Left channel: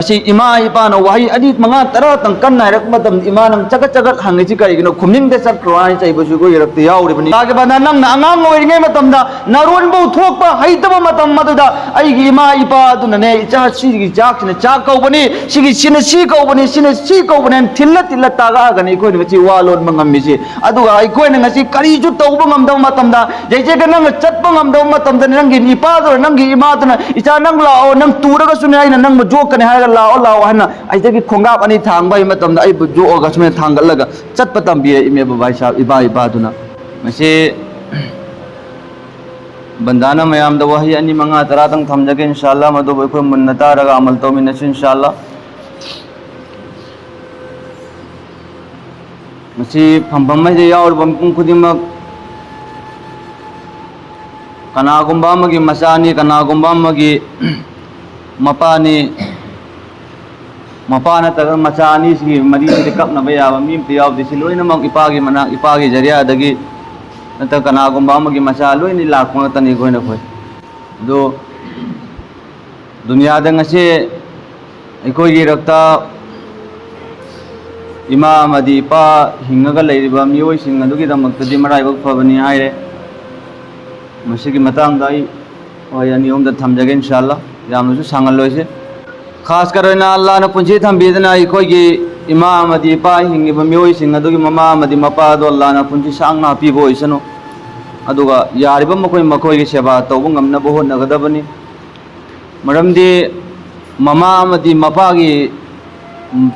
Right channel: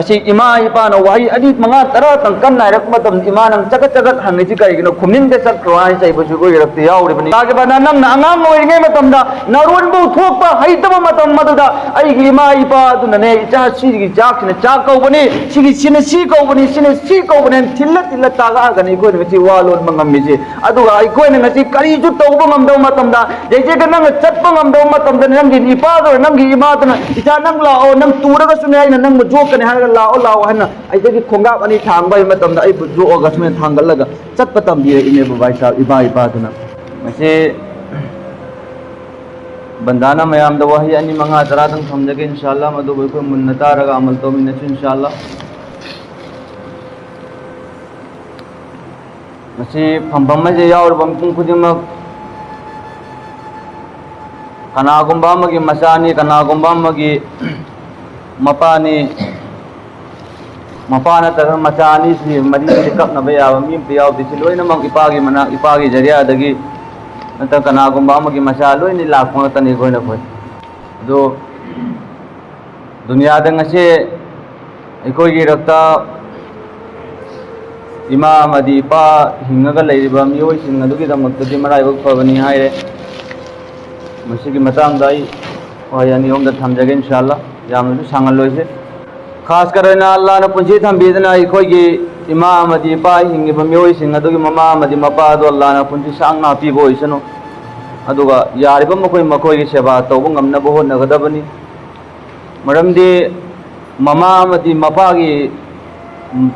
इमा इपान वही अदी मंगा तरह तंकन नायरक मतम इमा नंग चगत चगत हंगे ची करिगिनो खुमिंग दे चक्रो आइ चाइबसु को यरक्ति याउरिबनि आगे बना नंग अंगांग ओइरिगे मतमदा नरुन बु थोकपा हैतब मतम मदुदा अइगी इमा इपा दुनने इचा सिगी चाकने चाक कौबनि सिगी सिने सि कौबनि सिने सि कौबनि थिल्ला थिल्ला तागा गनि कोइ नगि वालोन मंगमिसि अदुगा ai कोइ नगि करि जु तौब ngमदौ मतमदा जैसे ग नंग चटप ngमदौ मतमदा नंगी इपा दो नंगी इमा दना इचा नंग लाओ नंग तुरगा सुने आइना नंग जोकने हागा लाओ लाओ हना आई खोंगा अनी थांग जो सुमे थांगल चट तंबी इने बाबा साहब इबा इबादुना बंदाना मैम वही अनी मंगा तरा तंग थमजगे इंशाल्लाह मदो बखो मुन्ना तारगा अमल तौमिनसि इंशाल्लाह फंफम यावरबम खुदिमक कनागुंबा मचानी कनागुंबा मपानी मपा नगर मचानी मरी कक्नब याब मी यावदी लोनमक इपागी मना इपागी जरियादगी नत कनागुंबा मचा लोन लापनी अखोन अदो दुनियाद अखोईरक्ता इमा इपा हिंगा लेरिब मियोइसिंगदुगिदमक्तदि मराइबक फबनी हाइरे मसिगी मतंगदा वही अनिहोम थमजगे इंशाल्लाह यामनसु सांगलोइसे खास कर अल्लाह ने पुंजी थम्बीदना अखोई इमा इपा हिंगिब मियोइसिंग अदुगी ममा मपादो अल्लाह ने पुंजी सांगना पीबो ओइसनु अदुगा यारिब मखोई मखोई सेवा तौब ngamnaba hotnagadabani मरमदि ममा मपागी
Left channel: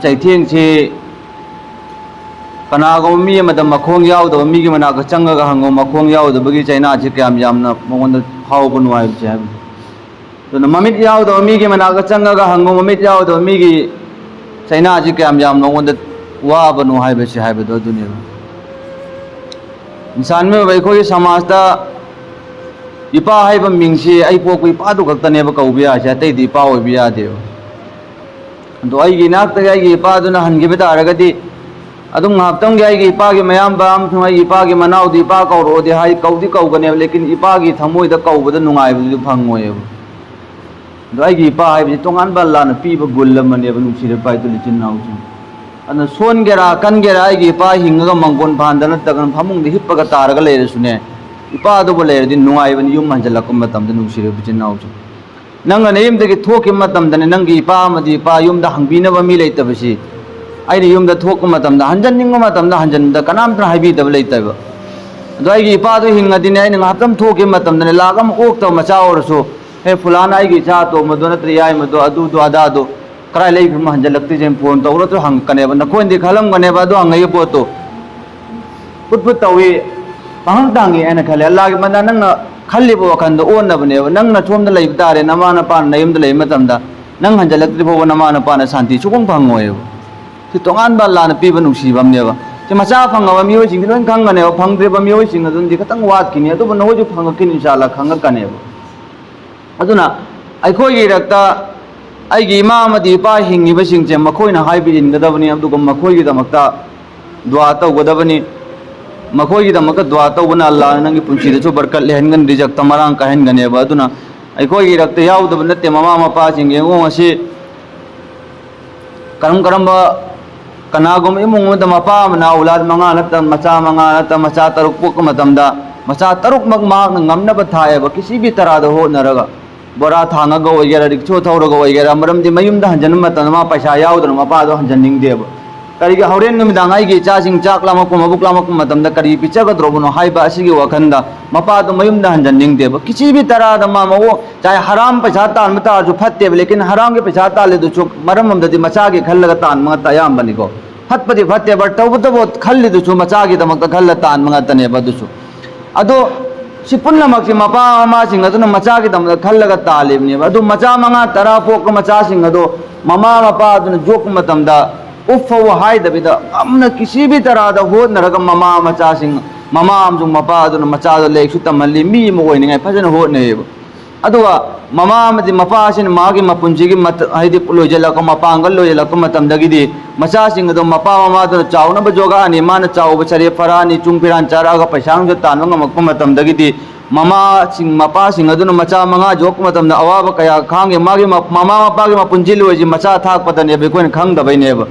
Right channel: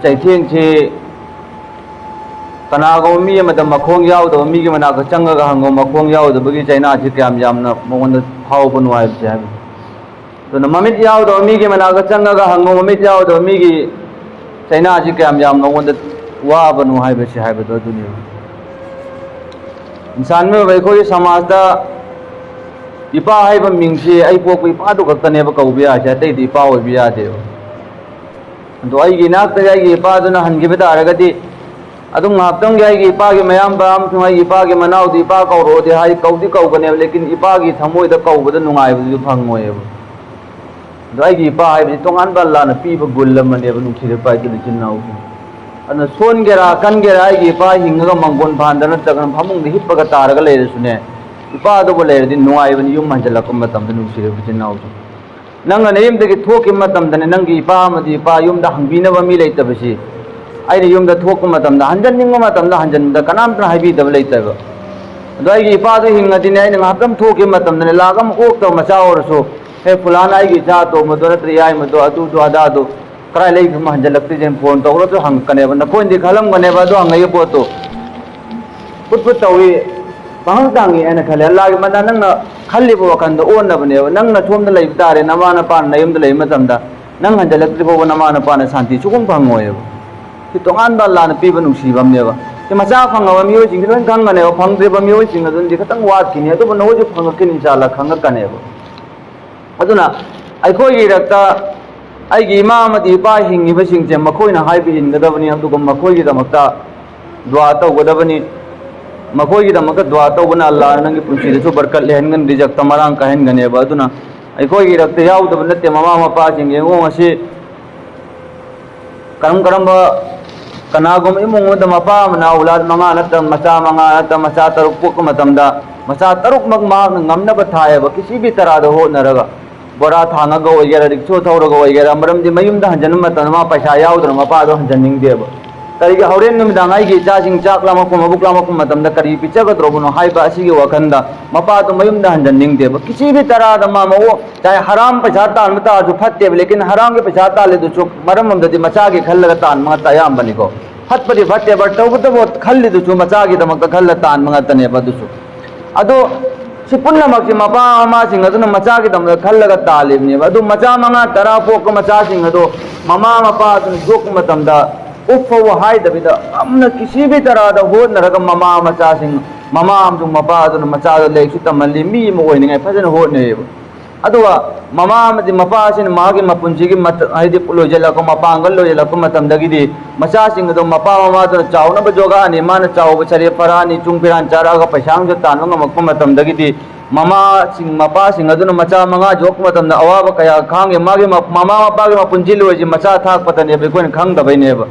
चैथेंग से कनागो मी मखोंग यावदब मीगी मनाक चंगगा हंगो मखोंग यावदबगी चाइना से क्याम यामना मोगोंद फावब नुवाइबसे हाइब तो ममित यावदब मीगी मनाक चंगगा हंगो ममित यावदब मीगी चाइना से क्याम याम मोगोंद वाब नुहाइबसे हाइबदो दुनिया इंसान में वैखोई समाजता इपा हाइब मिंगसे आई पोक इपादु खक्तनेब कौबे आसे अतैदि इपा ओइबे यादेब दो आइगी नाक्तगे आइगी इपादुना हंगिबे तारगदि अदुम ngaptang gai gi ipa gi mayam bam thungai ipa gi manau di ipa kau ro de hai kau di kau gane lekin ipa gi thamoi da kau bada nungai bu phangoi dai gi ipa hai bi tongan ba la na pi ba gulam ne ba nusi re pai tu chin nau ana son gera kan gera ai gi ipa hinga manggon bhan da na ta kan phamung di hippa ga tar ga le sune ipa do bo le di nungai ba ni yum manjala kum matam da nusi re chin nau nang na yim de gi thoki matam da nang gi ipa ma di ipa yum da hangbina ba mi leita ba si आई यूम हंजन हंजन कनामतना हाइबीदब लेतब अदो आई इपादो हिंगदिने आई ngaptam thoki matamdane lagam okto macha orso he fulana आई चा तो मदो नत्र याय मदो अदु दो अदा दो करा ले हम हंजलक्ति जेन फोन तौरो तो हंग कने बन कोइन दि खलम गने बदो हंगय पोतो पुटपुट तवी पहंग तांगी एना खले अल्लाह के मना नंग खल्ली बो खंद ओन नबने नंग न थोम द लेब तारे नमाना पान नयम द लेम मतमदा नंग हंजलक्ति बो नमाना पान शांति सुगम फंगोय तोान लान पीब नुसीबनेब मचा फंगब मियोजिंग लोन खंगने फंग्रेब मियोजिंग अदुंदी खतंग वाटकिनी अदुब नोजु फंगकिन इंशाल्लाह खंगकनेब अदुना अखोई रक्ता आइगी इमा अमदि इपा हिंगिबसिंगजे मखोइना हाइबिरिनगदबनी अदुगम मखोइगी दमक्ता दुआ तौगदबनी मखोइगी दमक्ता दुआ तौबना अल्लाह नंगी पुंसीदसु बरकत लेहनगन रिजक तमरांग कहनगनेब अदुना अखोई रक्ता याउदब नते ममा मपासिंग येंगो ngasi करम करम कनागुम इमुंग मपा मना औलाद मंगा नत मचा मंगा नत मचा तरुक पुक मतमदा मचा तरुक मग माग ngमनब थायब किसी भी तरह दो होनरगा बोरा थांगग ओइगेरा रिक्सो थौरग ओइगेरा मरमदि मयुमदा हंजन मतनमा पैसा याउदर मपा दो हंजनिंग देब करी हौरेन नुमिदांग आइगी चासिंग चाकला मकुम अबुकला मकुम मतमदा करी पिचगद्रोबनो हाइबा असिगी वखंदा मपा दो मयुमदा हंजनिंग देब किसी भी तरह द मामो चाहे हराम पैसा तान मता जो फत्ते लेकिन हराम के पैसा ताले दो चुक मरम ममदि मचा के खल्लग तान मता याम बनिको फत्पदि फत्ते बट तौबदबो खल्लि दो चु मचा के दमक खल्ल तान मंगतने बदुसु अदो सिपुन्नमक मपा ममासिंग अदुन मचा के दमक खल्लग तालिबने अदो मचा मंगा तरा पोक मचासिंग अदो ममा मपा अदुन जोक मतमदा उफो हाइदबिदा अमना किसी भी तरह दा होनरग ममा मचासिंग ममा अमजु मपा अदुन मचा लेक्सु तमली मी मोइनिंग फजन होनेब अदुवा ममा मदि मपासिन मागे मपुंजिगी मत हाइदि लोजलक मपांगल लोजलक मतमदगिदि मचासिंग दो मपा ममा दो चावनब जोगानी मान चाव बचरे फरानी चुंगपिरान चारागा पैसांग जो तानंग मक मतमदगिदि mama sing mapa sing aduna macha manga jok matam na awa kaya khange magi mama mapa ge mapunjil oji macha thak patane be koin khang da bai ne ba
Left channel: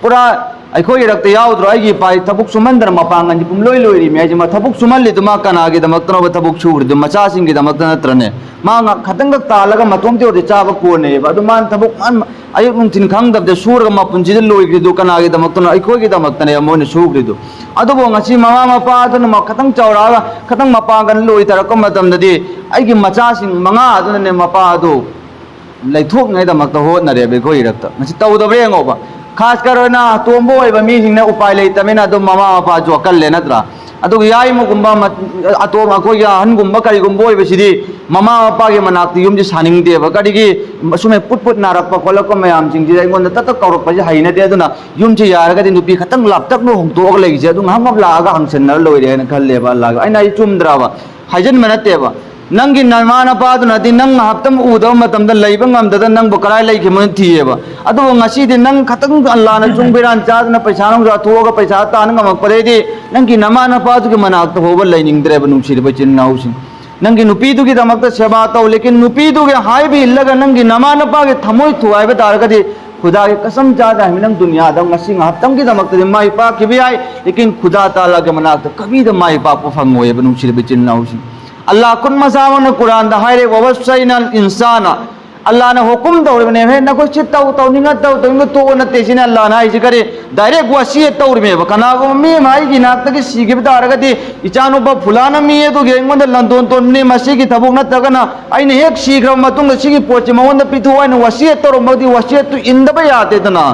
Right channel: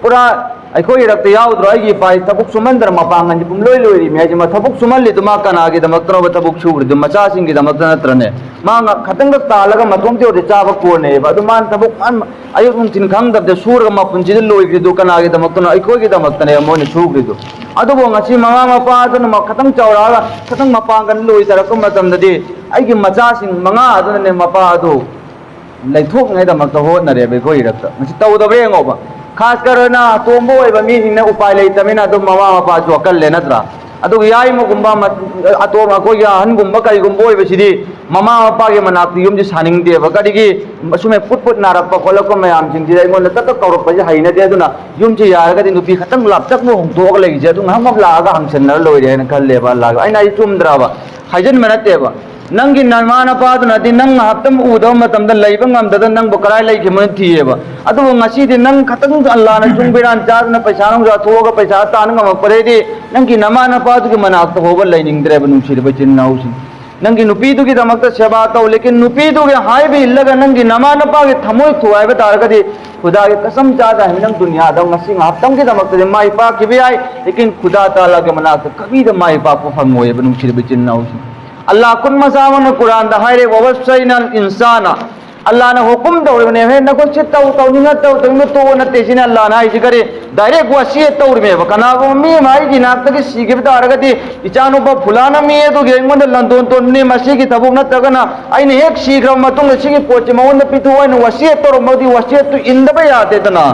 pura ai khoi rak te yaw dro ai gi pai tabuk sumandar mapangan ji pum loi loi ri me ji ma tabuk sumal li tuma kana ge damak tro ba tabuk chur de macha sing ge damak na trane ma nga khatang da ta laga matom te de cha ba ko ne ba du man tabuk an ayuk nun tin khang da de sur ga mapunjil loi ge du kana ge damak na ai khoi ge damak ne mo ne su ge du adu bo ngasi mama mapa adu ma khatang chawra ga khatang mapangan loi tar ko matam da di ai gi macha sing manga adu ne mapa adu lai thok ngai damak ta ho na re be khoi rak ta ngasi tau da re ngo ba खास करना तोंबो मी हिंगना उपाय लेतमेना दो mama Mopa जो अकल लेना त्रा अदु याई मुगुंबा अतो मको या हनगुंबा करिगुंबो इबसिदी ममा मपा के मनाक्ति युम जी सानिंग दे बकडिगी सुमे पुट पुट नारक पखलक मयाम सिंग जी इगोन तक कौरक पजे हाइने दे दुना युम जी यारगा दि नुपी खतंग लापतक नो होंतोग लेगिजे दु हम लागा हंसन न लोइरे न खल्ले बा लागा आइना चुमद्राबा हाइजन मनतेबा नंगी नरमा पादना नंग हप्तम उदव मतम लेबंगमद नंग कराई लेखिमन थीएब अदु ngasi नंग खतंग अल्लाह न चुंबिरान चादना पैसा अथोग पैसा तान ngमपरेदी नंगी नमा नपादुगी मनाक्ता होब लेनिंगद्रेब नुसिरब चिन्नाउसि नंगी नुपीदुगी दमक्ता सेवा तौ लेकिन नुपीदुगी हाइबि इल्लगा नंगी नमा नपागे थमोय थुआइब तारगदि खुदा के कसम चाहता है नंग दुनिया दा ngasi haptam की दमक्ता माई पा किबि आइ लेकिन खुदा ताला के मनाक्ता कभी द माई पा फंगोयब नुसिरब चिन्नाउसि अल्लाह कुन मसावन कुरान दा हायरे ववसैनल इंसाना अल्लाह ने हुकुम तौरबने हे नको चित्तौ तौनिंगा तौनिंगा तो नते सिन अल्लाह ना इसे करे डायरेक्ट वसियत तौरमे कना गो मी माई की नाक तक सीगे तारगति इचानो ब फुलाना मी तो गेंगोन लंदोन तो ने मसी की थबुक नतगना आइने एक शीघ्र मतुंग सिगी पोचे मवन पिथुवन वसियत तौरमदि वसियत तो इंदब याते तना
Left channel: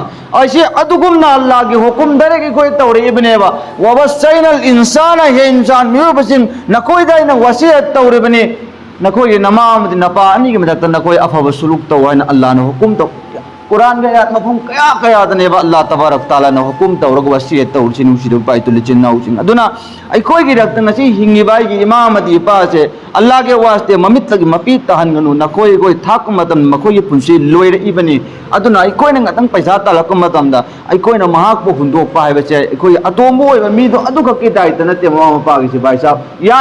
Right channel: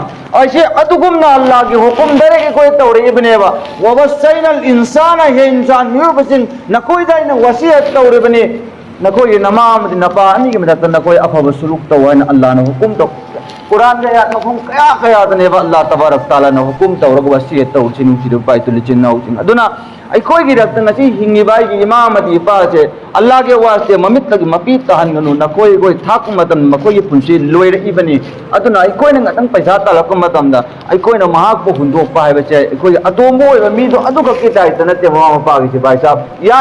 ऐसे अदुगुमना अल्लाह की हुकुम दरे के कोई तौरे इबनेवा ववसैनल इंसान हे इंसान मिबसिन नकोय दाइना वसियत तौरबने नकोय नमाम नपा अनि के मदत नकोय अफब सुलूक तो है अल्लाह ने हुकुम तो कुरान रे आत्म मफहूम कया कया दने अल्लाह तबारक तआला ने हुकुम तौरग वसियत तौ चिनु सिदु पाइ तुल चिन्नाउ सिन अदुना अखोय की रक्त ngasi हिंगी बाई की इमाम अदी पासे अल्लाह के वास्ते ममित लगी मपी तहनगनु नकोय गोय थाक मतम मकोय पुंसी लोयर इबनी अदुना अखोय न ngतंग पैसा तलक मतम दा अखोय न महाक बो हुंदो पाइ बचे अखोय अतोमो मी दो अदु का के दाय तनते ममा पागे से भाई साहब या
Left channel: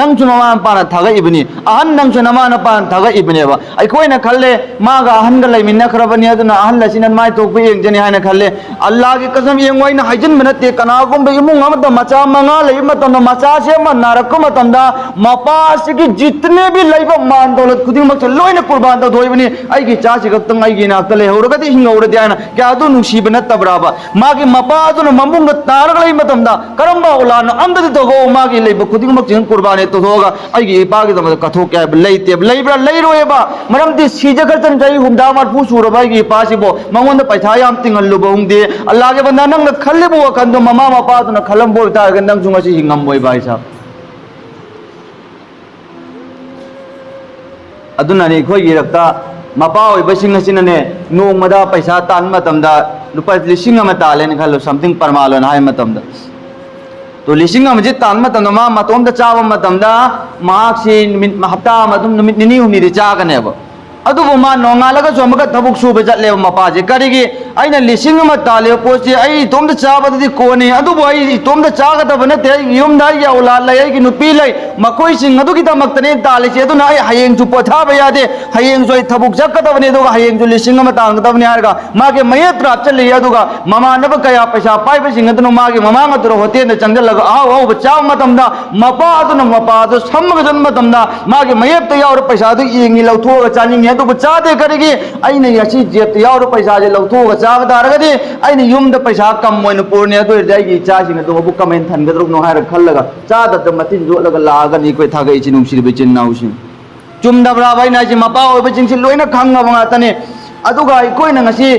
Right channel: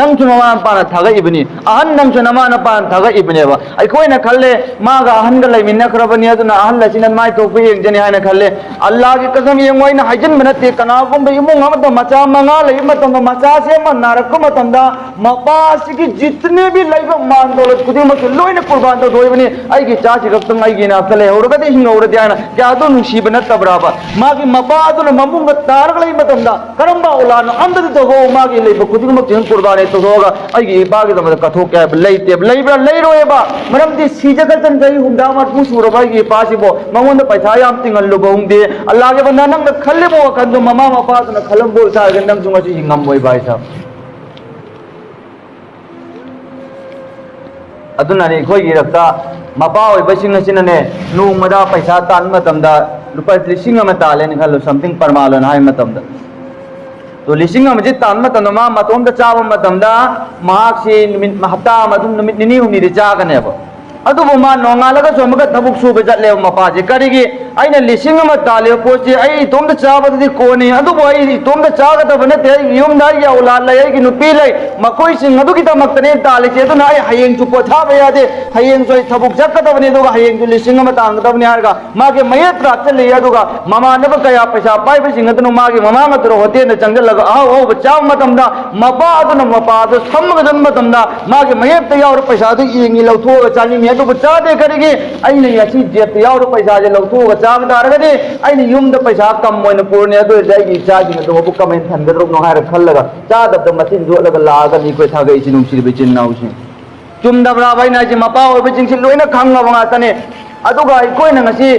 नंग चु ममा पाना थागा इबनी अहन नंग चु नमा न पान थागा इबनेबा अखोय न खल्ले मागा अहन ग लैमिन खरबनी अदुना अहन लसिन माय तो पे एक जने हाने खल्ले अल्लाह की कसम ये मोइन हाइजन बनते कनागुम बे इमुंग अमद मचा मंगा ले मतम मचा से मन नारक मतम दा मपास की जितने भी लैब मान दौलत खुदी मत लोइन कुर्बान तो दोइबनी आई की चासी रक्तम आई की नात ले होरगदि हिंगौर द्याना क्या दो नुसीब न तबराबा मागी मपा तो ममुंग तारग लै मतम दा करंबा उलान अंदद तो गो मागी लैब खुदी मत जिन कुर्बान तो होगा आई की बागी तो कथो क्या लैते लैब्रा लैरोएबा मरम दी सीजगतन जई हुंदा मत पुसुरबा की पासिबो मंगोंद पैसा याम तिंगल लुबोंदे अल्लाह के बंदा नंग खल्लेबो कंदो ममा मपा तो खलंबो तारग नंग जुंगसी हिंगम मोय भाई साहब अदुना ने खोई गिरफ्ता मपा होय बसिंग सिनने नोंगमदा पैसा तान मतमदा रुपा लिसिंग अमा तालेन खलो समथिंग परमालन हाय मतमदा तो लिसिंग अमा जे तान मतमदा मा मतोम दा चाबा मतमदा मार्क से हप्ता मतुम निमित निनी हुनी रे चागनेबा अदुबो मा नोंगालगा सोमगा थबुक सुबे जटले मपाजे करिगे आइना लिसिंग अमा ताले पोचे आई तोम दा चाबदि कोनी अदुबो आई तोम दा चागदब नते युम दा या औलाद लय की नुपी लय मकोई सिंग अदुगी तमक्तने ताले से अदुना आई हयेंग चु पोथाब यादे हयेंग जोय थबुक जकदबने दुगा हयेंग जु लिसिंग अमा तांगदबने हारगा मागे मयत प्राप्त चले अदुगा ममा नब कया पैसा पाइ बसिंग अदुनु मागे ममा मतरो होते न चंगलगा आओ आओ बचाव मतमदा मपा अदुनु मपा अदु समग जन्म मतमदा मागे मयत यावर पैसा दु इंगी लौथो चानिंग तो बचा दे करेगी आइने यासी जेत यावर पैसा जे लौथो चाग दारगदि आइने युम द पैसा कम मोइन पुरने दो जाइगी चासिंग तो बु कमेन थनगद्रो नो हार खल्लगा चाद द मतिन जोलगा लागनि कोइ थागै चिनुम सिरबे चिन्नाउसिन चुमदब्रा बाइना जी मपा ओबे चिंसि लोइना खंगबा ngaतने अदुगा इकोइना ngasi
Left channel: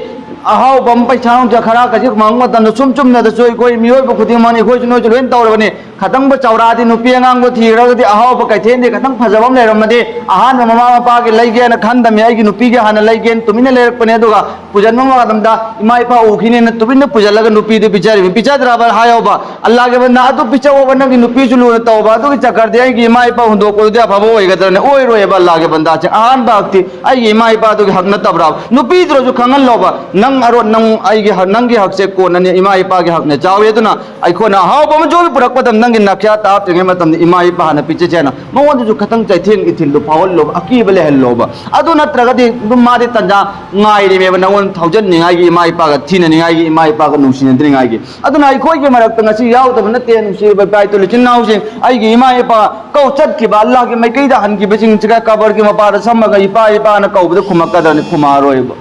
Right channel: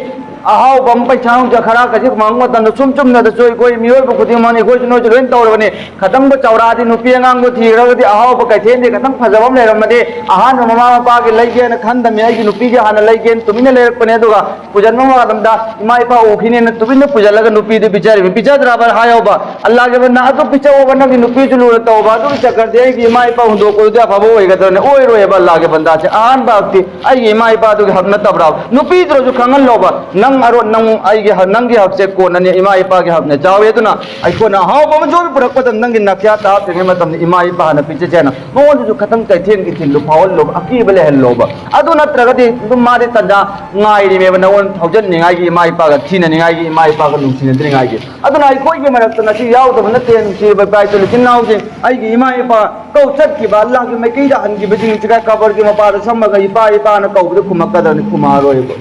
अहाव बम पैसा खरा कजी मांग मतन सुम चुम न सोई कोई मियोय खुदी माने कोई नो लोइन तौरबने खतंग चौरादी नुपी अंगांग थीरगदि अहाव कैथेन दे खतंग फजबम लेरमदे अहान ममा मपा के लैगे न खंदम याई नुपी के हान लैगे तुमिने लेरपने दुगा पुजन मदमदा इमा इपा उखिने न तुबिने पुजलगा नुपी दे बिचारे बिचाद्राबर हायोबा अल्लाह के बंदा तो पिचो बन की नुपी जुलु तौबा तो चकर दे की इमा इपा हुंदो को दे फबो होइगदने ओय रोए अल्लाह के बंदा से अहान बाक्ति आई इमा इपा तो हक न तबरा नुपी द्रो जो खंगन लोबा नंग nang aro nang ai ge nang ge hak se ko na ne ima ipa ge hak ne chawe tu na ai ko na ha ba ma jo purak padam nang ge na kya ta te ma tam ima ipa na piche che na mo won ju khatang chai thien gi thin lu phawal lo aki bele hel lo ba adu na tra ga de du ma de tanja ngai ri me ba na won thousand ni ngai gi ima ipa ga thin ni ngai gi ima ipa ga nung sin ni ngai gi adu na ai ko ge marak ta ngasi yaw ta na ten si ba bai to chin nau jing ai gi ima ipa ko chat ki ba Allah ge mai kai da han gi ba jing chiga ka bar ge ma pa da sam ga ipa na ko bu khuma ka da ni khuma ro ba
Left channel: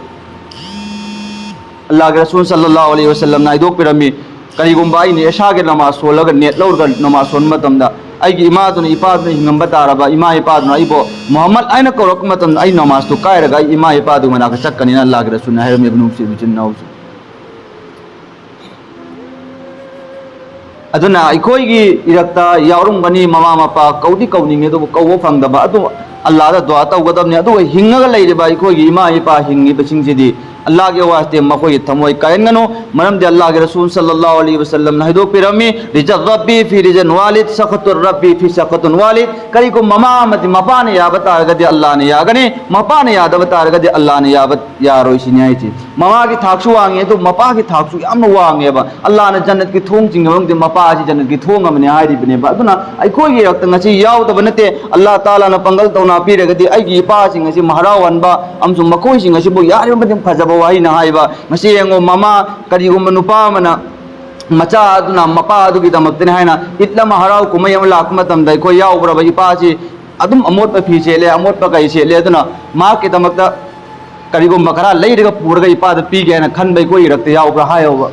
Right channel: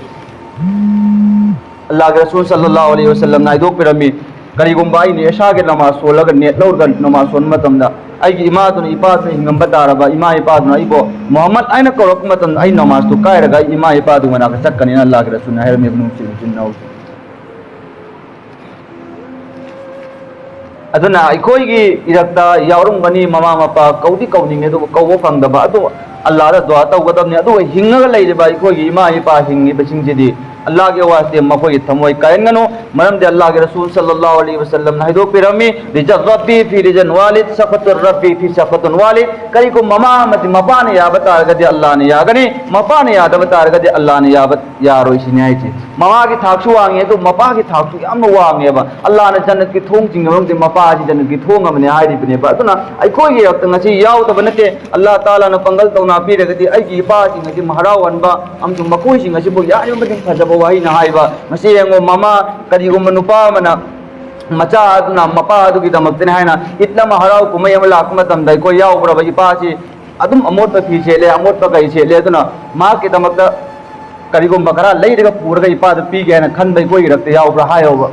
Allah ke Rasul sallallahu alaihi wasallam na ido pirami kari gumba ai ne sha ge namaz so laga net lor ga namaz son matam da ai gi ima tu ipa tu hingam ba ta ba ima ipa tu ai bo Muhammad ai na ko rok matam ai namaz tu kai ga ima ipa tu mana ka chak kan Allah ke Rasul na her me ibn si chin nau aduna ai koi gi irakta yaurung bani mama mapa kaudi kauni me do ko wo phang da ba adu Allah da dua tau gadam ne adu hinga lai de ba ai koi gi ima ipa hingi ba sing ji di Allah ke वास्ते मखोई थमोई कायंगनो मरम दे अल्लाह के रसूल सल्लल्लाहु अलैहि वसल्लम ना हिदो पिरमी रिजत रब्बी फी region वालिद सखतुर रब्बी फी सखतुन वालिद करी को ममा मति मपा ने या बता गदे अल्लाह ने यागने मपा ने याद बता गदे अल्लाह ने याबत यारो सिन्याई छि ममा की थाक्सु वांगे तो मपा की थाक्सु याम वांगे बा अल्लाह ने जन्नत की थोंग जिंगम दे मपा जी जन्नत की थोंग हमने आइ रि बने बा अदुना आई कोई ये रक्त ngasi याव तब नते अल्लाह ताला ने पंगल तौना पी रगदे आई की पा सिंग ngasi महाराव वनबा अमसु मकोई सिंग ngasi बो यार मदिम फजब वही ना हाइबा ngasi yengo mama kari gum nupa mana macha aduna mapa adu gi damakte haina itla maharau kumai amla akmatam dai ko yaw bra bai pa chi adum amot pa phi chele amot pa kai chele aduna ma ki damakta kari gum bakara lai daga purga ipa da pi ge na khan bai ko irakte yaw bra hayo ba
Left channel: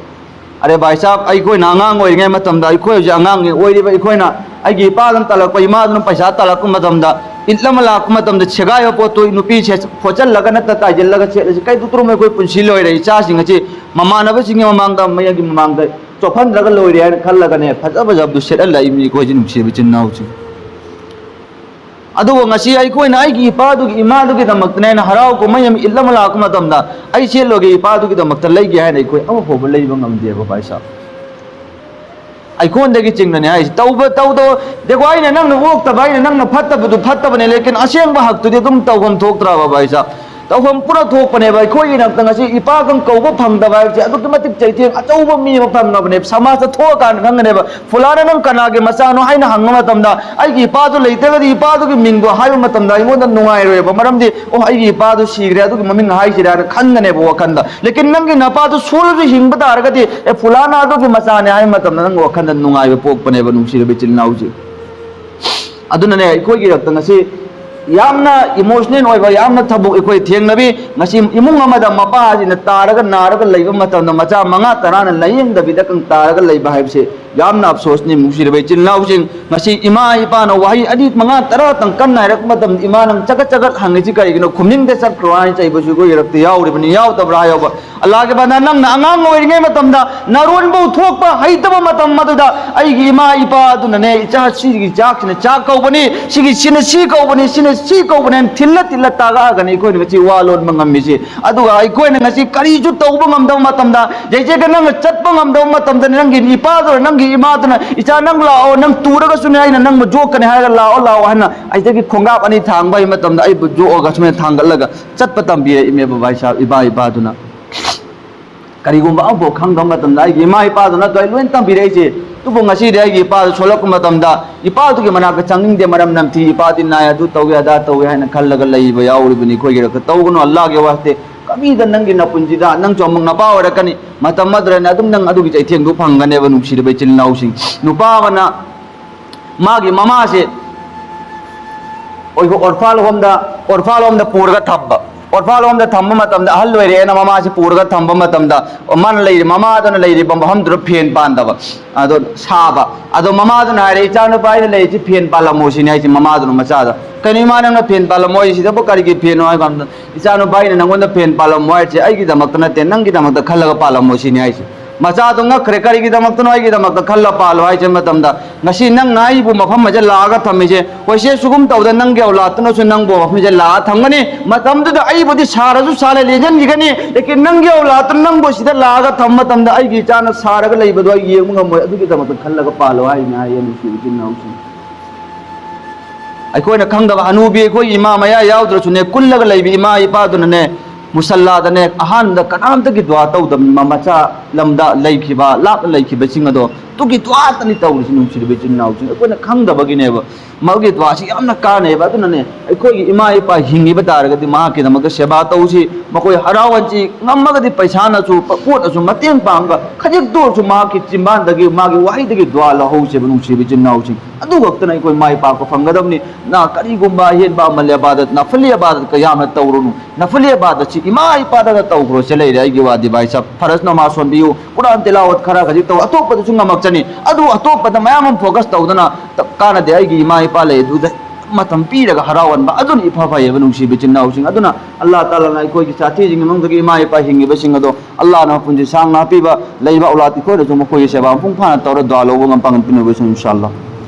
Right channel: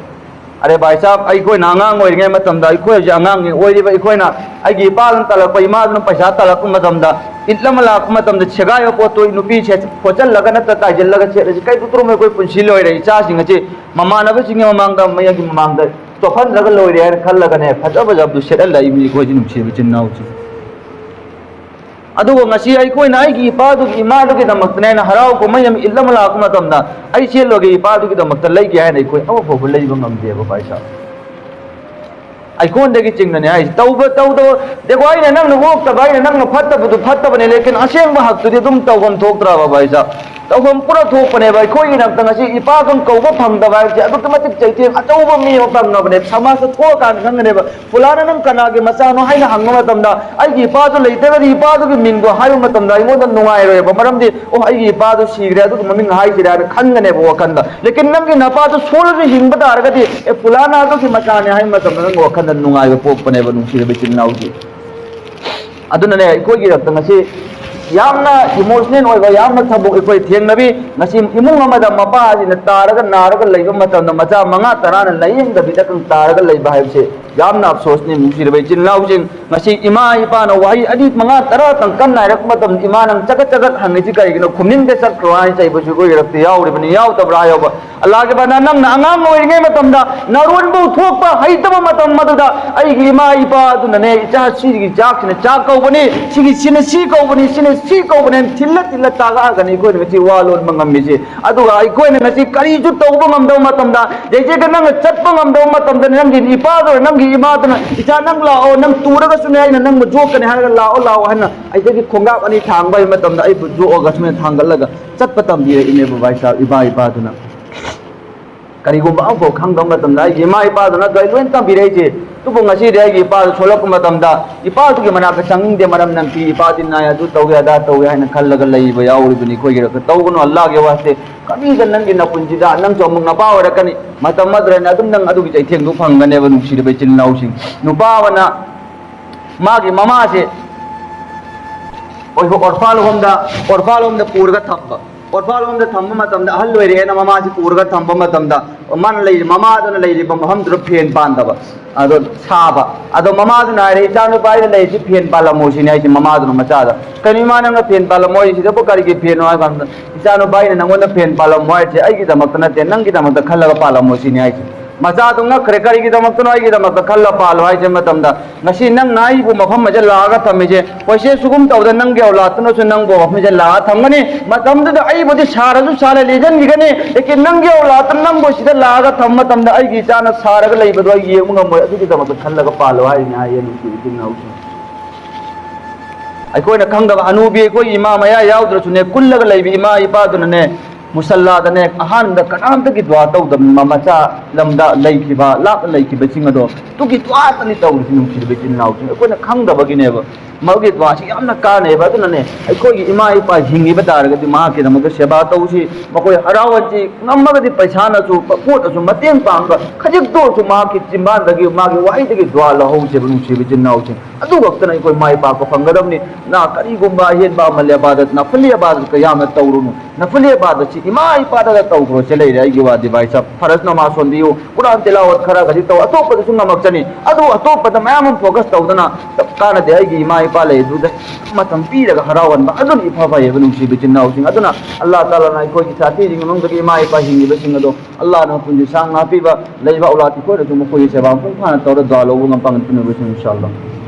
are bai sab ai ko na ngang oi ngai matam da ai ko ja ngang oi ri bai ko na ai gi pa lan talak pai ma dun paisa talak matam da इतलम lakh मतम the छगाय पोतो नुपी छे फोचल लगन त काजल लग छे कई पुत्रो में कोई पुंसी लोय रे चा सिंग छे ममानब सिंग ममांग द मय की ममांग द चोफन लग लोय रे खल लगने फजब जब दु सेट लाई मी को जिन से बिचिन नाउ छि अदु ngasi ai कोई नाई की पा दु की मा दु की दमक ने हराव को मयम इतलम लाख मतम द ai से लोगे पा दु की दमक त लई गया है कोई अब फो लई बंगम दे बा भाई साहब आइकोन चिंग ने तब तब देखो आई नंग होक्तब नंग फतबू फतबने लेकिन असेंब हक्तुदी तौफम थोक्ट्रब भाई साहब तौफम पूरा थोपने अखोगी इपागम कौब फंगदब चैथें अचौब मी फंगने समाज थोकान खंगने फुलाना नंग कनागे मचानो है हंग इपाद लेतगदी इपाद मिंग नुंगाइरोब मरमदी ओ इपाद सीग्रे ममिंग हाइसिरा खंगने वखंद लेकिन नंग नपाद सोल हिंब तारगदी ए फुलाना मचाने है नंग वखंद नुंगाइब पोकपने नुंसीब चिन्नाउजी अदुनने अखोगी रक्तंगसी यामना emotional होइबा यामना थबुक एखोय थेंगनबी ngasi imung amada mapa ajina taraga naraga leiba matamna macha manga tarana layeng dabida kang taraga leiba haibse yamna afsos ni musirbe chinnaujing ngasi ima ipa na wahi adi manga tara tang kan nairak matam ima nang chaga chaga hangi kai gino khuming de sak kroai chai busu go irakte yauri bani yaw tabra yoba allah ke bana nang na angang oiringe matamda narun bu thokpa haitaba matam maduda ai gi ima ipa aduna ne cha sigi chak ne chak ko bani sigi sina si ko bani sina si ko bani thilla thilla taga gani ko ne chi walon mangam mi अदुगा अखोय ngasi kari ju tawba ngamdaw matamda jeje ga nang chatpa ngamdaw matamda nang gi ipa do nang gi ima do icha nang lao nang turaga sune ai nang ma jo kan ha lao lao hana ai tagi khonga ani thang bai matamda ai bu jo ga sune thang laga chatpa tambi ime ba bai sa iba iba duna kari gumba abo khang dam matamda ai gi ma ipa duna gai loin tambi re je tu bu ngasi de gi ipa solok matamda ipa tu gi mana ka changing de maram nam thi ipa din na ya du tawge ada tawge hana khal laga lai ba yauri buni khoi gi ka tawgono allah ge waste kami ga nang gi na punjida nang chomung na pa ora kani matam madra na dum nang adu gi chai theng du phangane ba nung sir be chil nau sing nu pa wana ma gi mama se oi go orfal homda purga thabba orfal homda thamma matam da hal loire na mama se purga thamba matam da man leire mama da leire bam ham dro phen pandaba ado saba ado mama da na re chanu pai le ji phen pala mo si nai ji mama da macha da kani ma na phen pala mo si da ko kari ge phen wa gam da chanu pai na ngon da phen pala mo ai ai gi da mak na te nang gi da mak da khalaga pala mo si nai ji macha do nga khre kari gi da mak no ai gi da mak da khalla palo ai je matam da ngasi nang nai bu mafam ma je la ga thamme je ko se sugum taw da nang ge ola tno su nang bo me je la thamgani matam da ai bu de sara su sale le jan gi gani lekin nang ge ola tn nang bo si da la ga tham matam da ai gi chana sara ga lei bu do ye mu ngam adu gi da mak khalla ga palo ai na ye ni si gi nau ai ko na khang da anubi ko imam ya yaw dro su ne kullaga lei bi ima ipa du ne मुसल्लादने अहान द कनाम तक दुआ तौदम मचा lambda लेखिबा लाप लेखिबा सिंग अदो तुगी दुआ तनी तौरसि नुसिबे चिन्नाउ सिंग अकोना खंगदबगिनेब मगे दुआ सि यामना कानेबा अदुनने अखोगी इमा इपा हिंगिबा तारगदि मा के दमग सेवा तौसि मकोय हरावंची नमगदि पैसा नसु पोत असु मतें पांगा खजिक दोसु मा की चिंबादगी मागे वाइदगी दुआ लहौसे नुसिबे चिन्नाउ सिंग अदु वक्तना अखोय माइ पा को फंगदबनि ना करिगुंबा हेनबा मल्य बादत ना फलिया बादत का यामना तौरुनु ना फलिया बादत इमा इपादगा तौग्रो से लेरे आइगी वादि भाई सब फरज नमाज सोंबियु कुरान तिलावत खरा गजि तो अतोपद सुंगमक्चनी अदु अतोपद मयाम फोकस तौदना कानदे आइगी इमा इपा ले दुद मतम पीरगा हरावनबा अदुन इफा फायब नुंसी बिचिनाउ सिंग अदुना अल्लाह ताला ना कोई की साथी जिंग मंगदगी इमा इपा हिंगी बसिंग अदो अल्लाह ना पुंजी सांग ना पीबा लेबा औलाद को जो मखोय सेवा पुंग फाना तौर दुआ लोबो ngam pangan pinu इंशाअल्लाह